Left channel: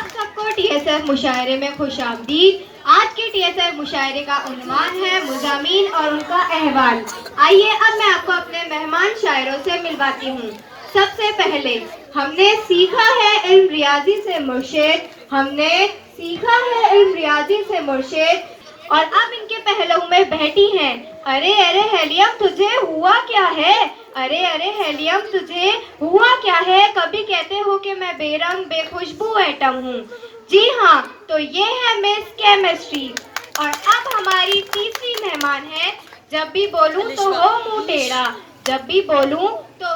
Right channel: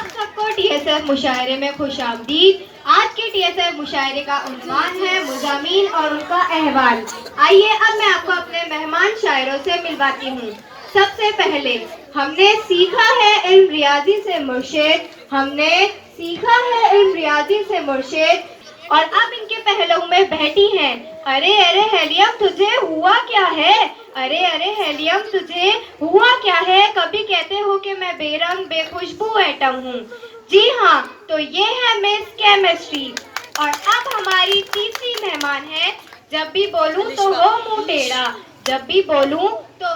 आप सबको टीएसएफ मुशायरे में खुशामदीद। आज के टीएसएफ मुशायरे का उन्वान है मुज़ामीन और उनका अहवाल। आइए अब मैं आपको अपने मेहमान शायरों से मिलवाती हूँ। सबसे पहले हमने सीखा है इल्म रियाजी से मुर्शिद, और अब इनके पहलू में बैठी हैं। अरे अरे हेलियम तुझे हुआ क्या है, कभी कहते हो कि मैं बेरंग बेखुशबू एटम हूँ। जी हाँ, तो ये है मिस केमिस्ट्री। और अब हमारी तीसरी मेहमान है। जब भी बोलूं तो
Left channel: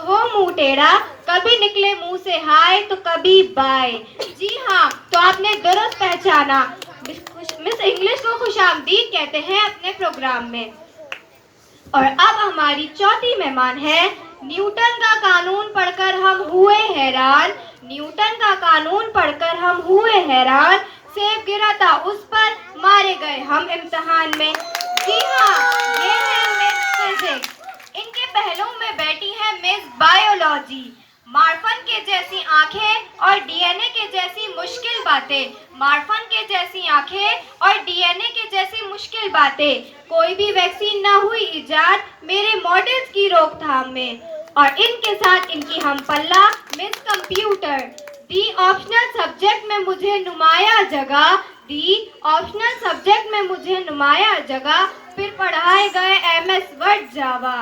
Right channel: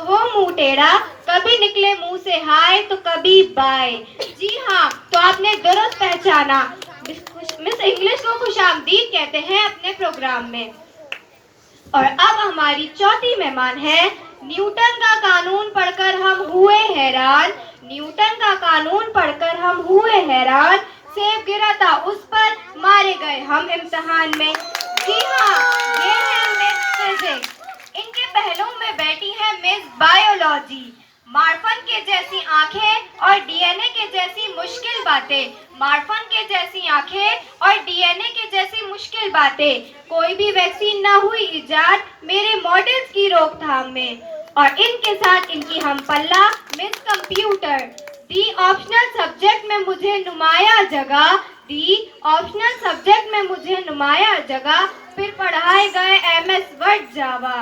वो मुंह टेढ़ा, कभी निकले मुंह से हाय तो कभी बाय। जी हाँ, तो आपने दुरुस्त पहचाना, मिस इंग्लिश को खुशामदीद कहते हैं अपने प्रोग्राम में। और अब हमारी चौथी मेहमान है। न्यूटन का कानून पढ़कर हम हुए हैरान, सेब गिरा था उस पर, मारे गए हम इम्तिहान में। जी हाँ, ये है मिस फिजिक्स। इनके पहलू में बैठी है मिस बायोलॉजी। मार्फन के जैसी आंखें और डीएनए के जैसी मुश्किल बातें, कोई भी वैक्सीन ना हुई इजाद मेरे मॉडल्स की रोकथाम में। और इनके साथ इनकी हम पल्ला मिस कंप्यूटर। दी ऑप्शनल सब्जेक्ट में मुझे नुमाया जगह, फिर पढ़ाए गए एमएस वर्ड जावा।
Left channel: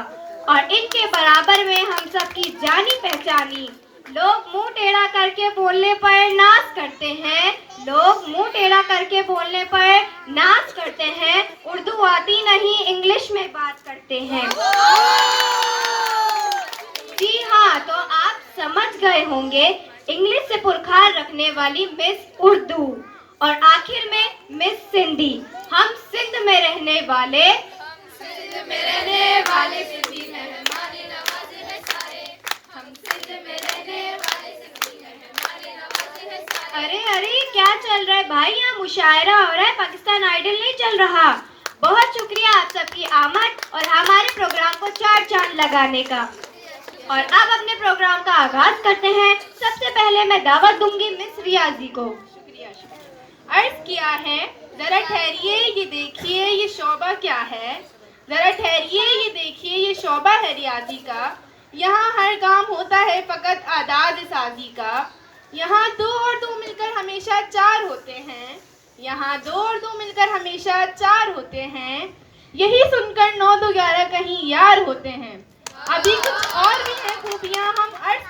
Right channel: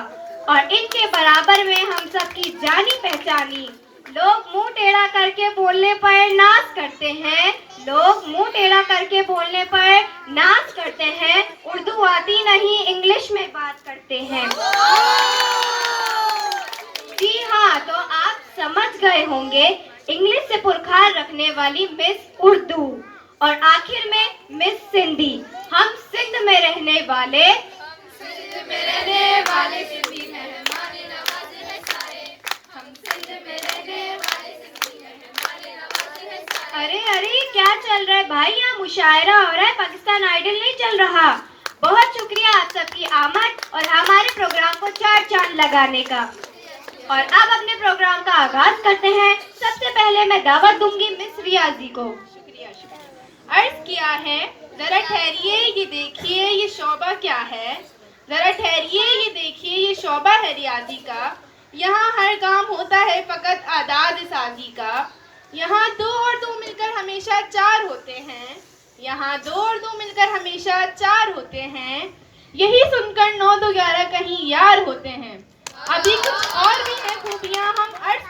और इनके बराबर में हम सबकी जानी पहचानी। लोग मुंह टेढ़ा करके बोलने पर नाज करते हैं, उर्दू आती नहीं इंग्लिश में बात करते हैं। जी हाँ, तो आप समझ गए होंगे इंग्लिश से पुरखार रखने वाली मिस उर्दू। और आखिर में मिस सिंधी। हम सिंध में रहने वाले सिंधी मेहरबानी नवाजी है सारे, हम सिंध में रहने वाले सिंधी मेहरबानी नवाजी है सारे। अरे अरे क्या चल रहा है भाई, यहाँ मुशायरा हो रहा है, पाकिस्तान आइडल नहीं चल रहा। बहुत शुक्रिया आप सबकी आमद और हमारे प्रोग्राम को चार चांद लगाने का। और अब अपने प्रोग्राम का आगाज करते हैं। सबसे पहले मैं दावत दूंगी मिस रियाजी को। अर्ज किया है, जरा ठहरिए ये देखिए ये शोबा क्या है, जरा ठहरिए ये देखिए ये शोबा है रियाजी का। यहाँ हर काम होता है फकत आदाद साजी का। यहाँ दो और दो मिलकर हमेशा चार होते हैं, यही सुनकर 9 2 11 कहीं यार होते हैं। अभी कुछ और भी है खूबियाँ हम अर्ज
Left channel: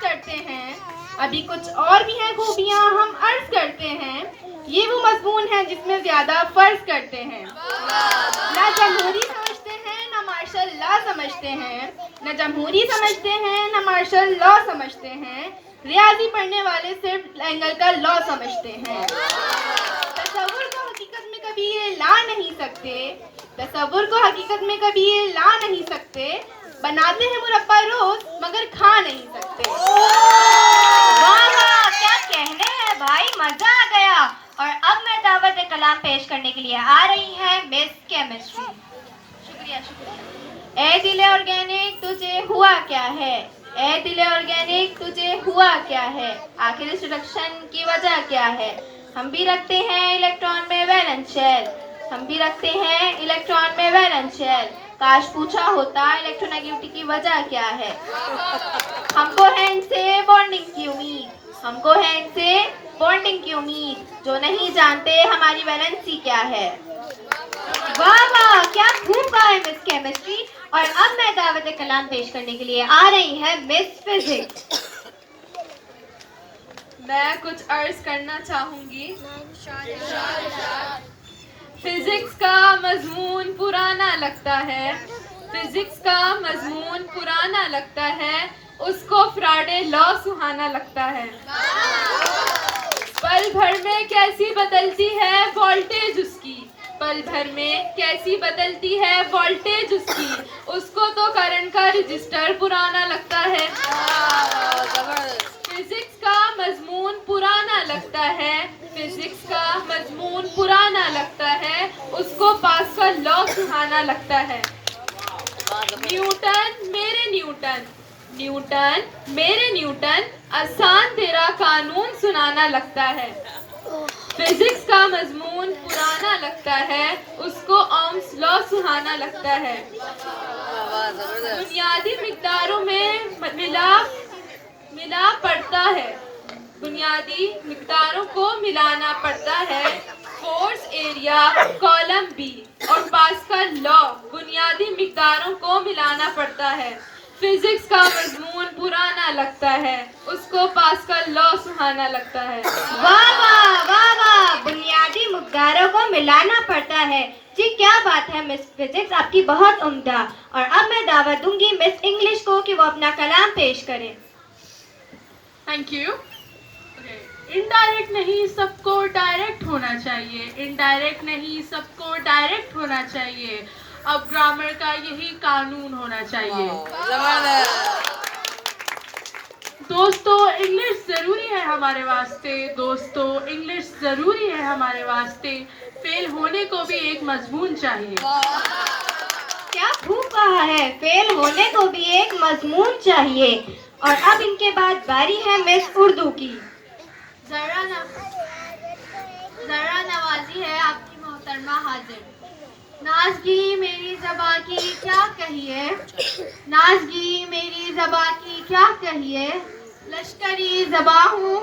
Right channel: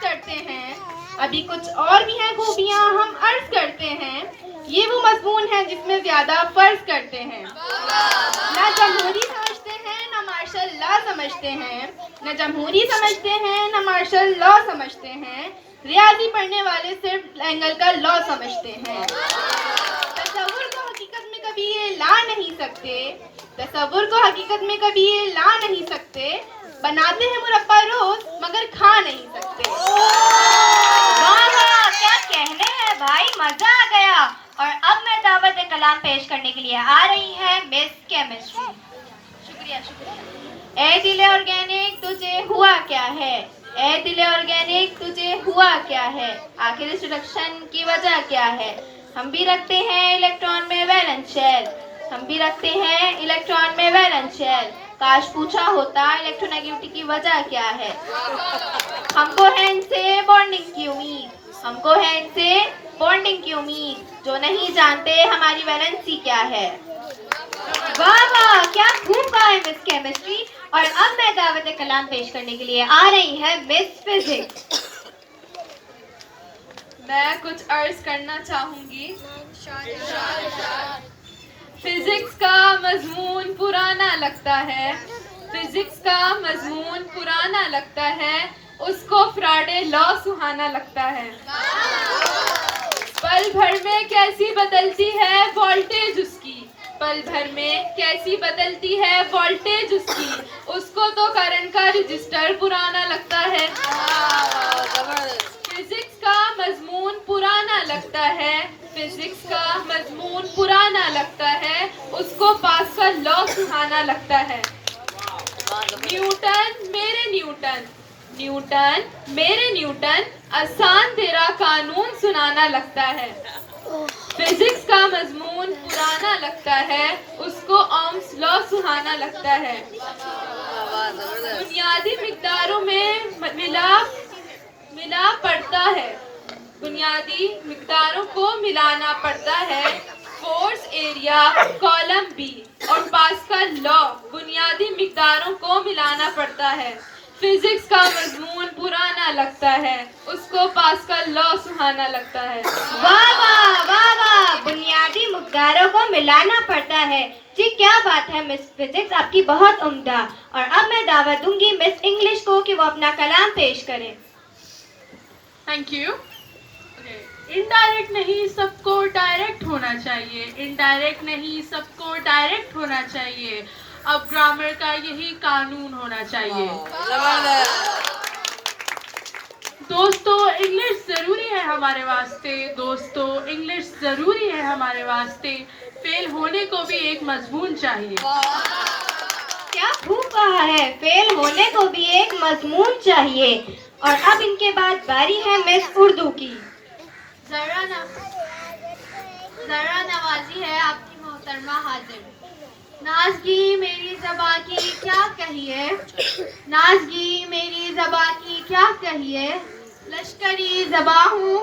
करते हैं, ये वो मजमून है जिसमें ज्यादा फर्ज करते हैं। ना जमहूरी समझते हैं ना मार्शल लॉ समझते हैं, रियाजी पढ़ने वाले सिर्फ एंगल का लॉ समझते हैं। तसव्वुर को हकीकत में कभी ये ला नहीं सकते, बनाते हैं मुरब्बा रोज मगर खा नहीं सकते। क्या कहने हैं भाई, मजा आ गया। और अब मैं दावत कलाम पेश करने के लिए आ रही है मिस केमिस्ट्री। शुक्रिया। ए दिले ऑर्गेनिक तुझे हुआ क्या है, आखिर इस रिडक्शन की वजह क्या है। हम भी रखते हैं इलेक्ट्रॉन में वैलेंस शेल, काश पूछा होता इलेक्ट्रोनेगेटिविटी की वजह क्या है। हमको है इनसे बॉन्डिंग की उम्मीद, जो नहीं जानते हमारी वैलेंसी क्या है। वाह वाह, क्या खूब गाए मिस केमिस्ट्री। और अब मैं दावत कलाम पेश करने के लिए आ रही है मिस फिजिक्स। मैं कुछ अर्ज करना चाहूंगी। फिजिक्स का मजमून पुराना लगता है, उसको फ्राडे लॉ सुहाना लगता है। पल भर में कैसी बदलती है वोल्टेज उसकी, उसको तो करंट का रजिस्टर पुराना लगता है। फिजिक्स का मजमून पुराना लगता है, उसको पास का लॉ सुहाना लगता है। न्यूटन मेरे न्यूटन आसान तेरा कानून सुनाना लगता है। फिजिक्स का मजमून पुराना लगता है, उसको ओम्स लॉ सुहाना लगता है। बुनियादी मिकदारों में मिला पड़ता है, बुनियादी मिकदारों को मिलाना पड़ता है। फोर्स, एरिया, कॉलम बी और पास्कल लॉ बुनियादी मिकदारों को मिलाना पड़ता है। फिजिक्स का मजमून पुराना लगता है, उसको पास्कल लॉ सुहाना लगता है। वाह वाह वाह वाह, बुनियादी मिकदारों को मिलाना पड़ता है। जी क्या बात है मिस फिजिक्स, आपकी बहुत उम्दा। और अब मैं दावत दूंगी मिस इंग्लिश को कि वो अपना कलाम पेश करें। Thank you. इनडायरेक्ट नहीं सबको डायरेक्ट होना चाहिए, इनडायरेक्ट नहीं सबको डायरेक्ट होना चाहिए। अब ग्रामर का यही कानून होना चाहिए। दोस्तों इंग्लिश जरूरी है हमारे वास्ते, दोस्तों इंग्लिश जरूरी है हमारे वास्ते। फेल होने को भी एक मजमून चाहिए। क्या खूब कहा है, फेल होने को भी एक मजमून चाहिए। और अब इनके बाद बारी है मिस उर्दू की। जरा नवाजी है आपकी मोहतरमा हाजिर। नाज़गी मेरी ज़बां की क्या कहिए, नाज़गी मेरी ज़बां की क्या कहिए। लश्करी ज़बां हूँ,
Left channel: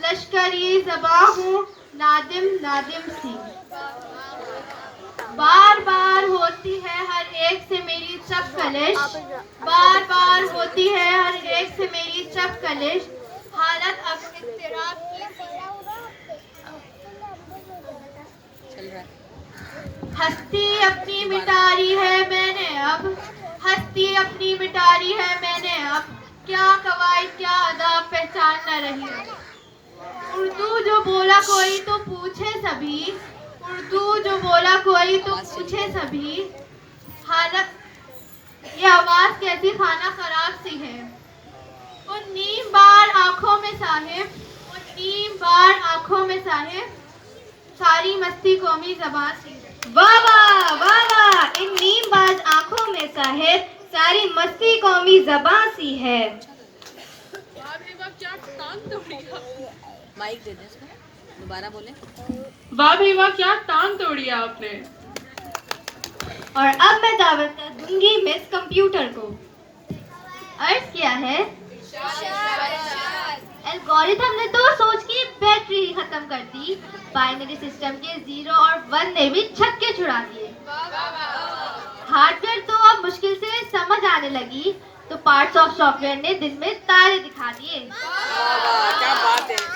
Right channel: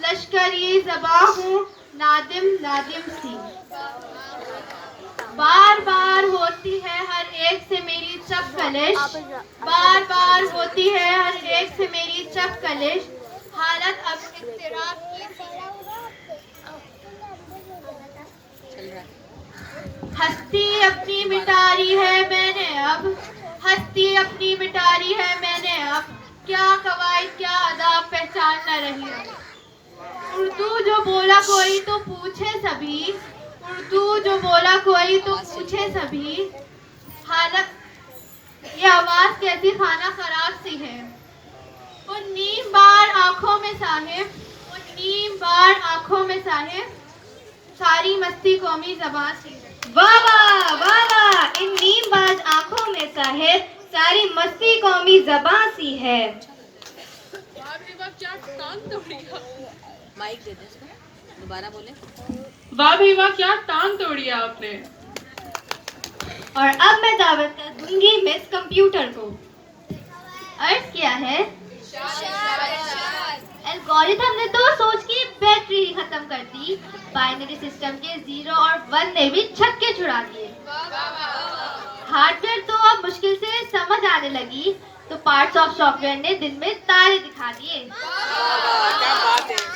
लश्करी ज़बां हूँ, नादिम नादिम सी। बार बार होती है हर एक से मेरी चप कलिश, बार बार होती है हर एक से मेरी चप कलिश। हालत अब इख्तिरार हस्ती अपनी मिटारी है मैंने अब, हस्ती अपनी मिटारी है मैंने अब। क्या कवायद क्या अदाब पहचान न रही है। उर्दू जो बोला कोई तो पूछे सभी, उर्दू जो बोला कोई तो पूछे सभी। हालत ये आवाज कैसी खाना खराब सी है। उन नीम बार आंखों में साहिब, उन नीम बार आंखों में साहिब, सारी मस्ती कौमी ज़बां सी है। वाह वाह वाह वाह, इन नीमबाज आंखों में साहिब सारी मस्ती कौमी ज़बां सी है। क्या टांग तोड़ी, माइक दे दे इसको, दोबारा बोले। वाह भाई वाह, क्या टांग तोड़ी आपने। और अब मैं दावत दूंगी मिस कंप्यूटर को। अर्ज किया है एल्गोरिथम ने तो सोच की बैटरी ही खत्म कर दी, बाइनरी सिस्टम के 0 और 1 ने भी छक्के छुड़ा दिए। हार्डवेयर तो अब मुश्किल से समझ आने लगी, तो पार्ट्स ऑफ सॉफ्टवेयर ने दिन में तारे दिखा दिए।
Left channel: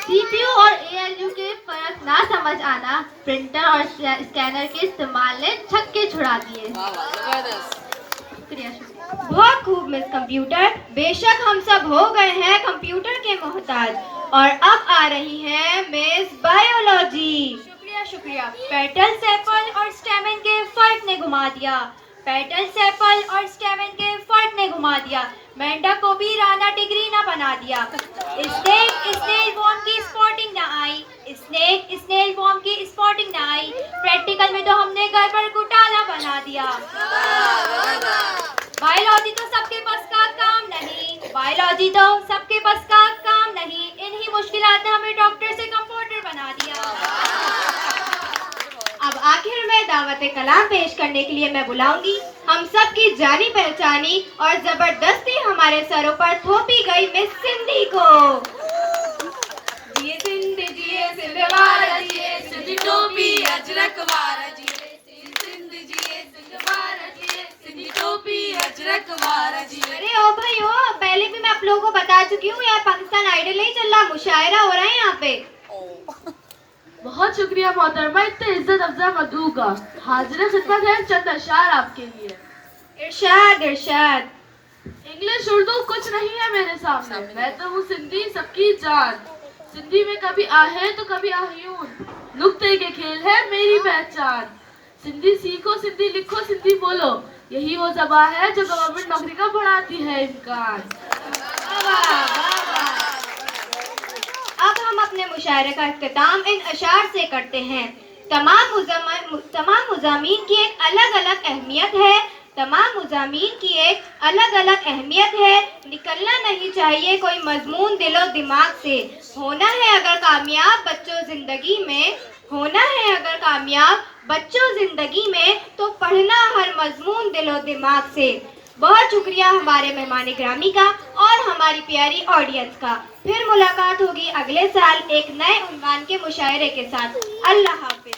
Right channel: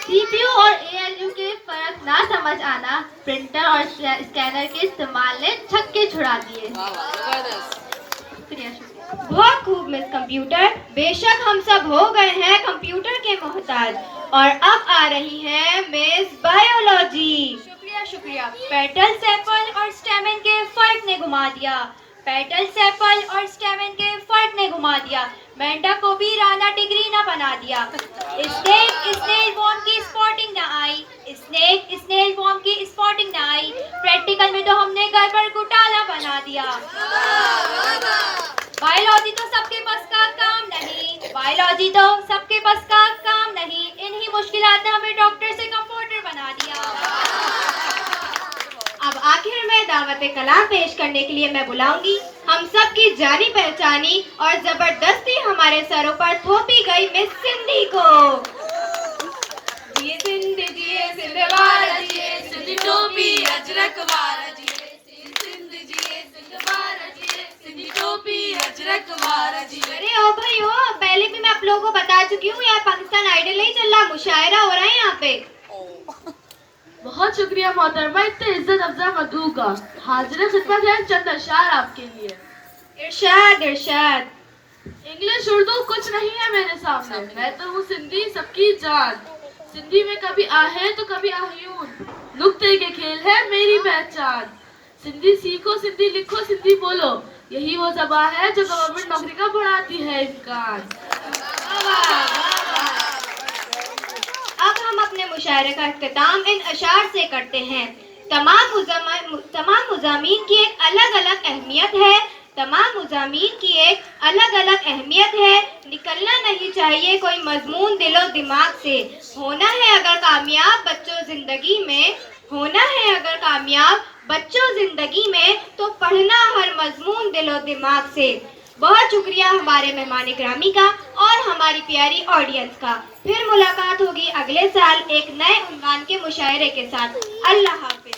सीपीयू और एएलयू के फर्क ना समझ आना, प्रिंटर और स्कैनर के इस्तेमाल ने छक्के छुड़ा दिए। बहुत खूब मिस कंप्यूटर, बेशक हम सब हो गए हैं कंप्यूटर के मोहताज। और अब आ रही है मिस बायोलॉजी। शुक्रिया शुक्रिया। पेटल, सेपल और स्टेमन के फर्क ने घुमा दिया, पेटल, सेपल और स्टेमन के फर्क ने घुमा दिया। मेंढक को भी राना डिग्री ना बना दिया। स्नेक वॉर्म की स्पॉटिंग ना आई, स्नेक वॉर्म की स्पॉटिंग ना आई। प्रैक्टिकल में तो हमने गड़बड़ घोटाला बना दिया। बायोलॉजी तो सबके बस का काम नहीं, बायोलॉजी तो सबके बस का काम नहीं। इन्हीं मुश्किलात ने हमें डॉक्टर से कंपाउंडर बना दिया। अब आखिर में दावत कलाम पेश करने के लिए मैं बुलाऊंगी हम सब की जानी पहचानी और जबरदस्ती हमारे सरों पर थोपी गई मिस सिंधी को। जिए जिंद वारा जिए, सिंध टोपी अजरक वारा जिए, सिंध जिए सिंध वारा जिए, सिंध टोपी अजरक वारा जिए। अरे ओ भाई हो, पहले भी मैं आप लोगों को बता चुकी हूँ, यहाँ पाकिस्तान आइडल नहीं चल रहा, मुशायरा हो रहा है यहाँ पे। बहुत शुक्रिया मोहतरमा, इतने इज्जत अफजा मदू का। हाजिर खिदमत है चंद अशार आपके लिए। इरशाद इरशाद। इंग्लिश उर्दू कुछ नहीं है मेरे सामने, मैं तो हूँ सिंधी सबकी जान। सिंधी में कभी आहे तो कभी आह्यून, नुक्ते के खेल है मेरी पहचान। सिंधी सीखो, सिंधी लिखो, सिंधी बोलो, यही वो ज़बान है जो गवर्नमेंट नौकरी का बढ़ाती है इम्कान। अब हम अपने मुशायरे का इख्तिताम इन अशार से करते हैं। तमाम मुज़ामीन की एक अलग अलग अहमियत है, तमाम मुज़ामीन की एक अलग अलग अहमियत है। निकलना नहीं चाहिए कोई मजमून दिलो दिमाग से। होना है अगर कामयाब बच्चों जिंदगी में, होना है अगर कामयाब बच्चों जिंदगी में, तो पढ़ना हर मजमून दिलो दिमाग से। बहुत शुक्रिया हमारे मेहमान ग्रामी का और हमारी प्यारी ऑडियंस का। फिर मुलाकात होगी अगले साल एक नए उन्वान के मुशायरे के साथ। अल्लाह हाफिज।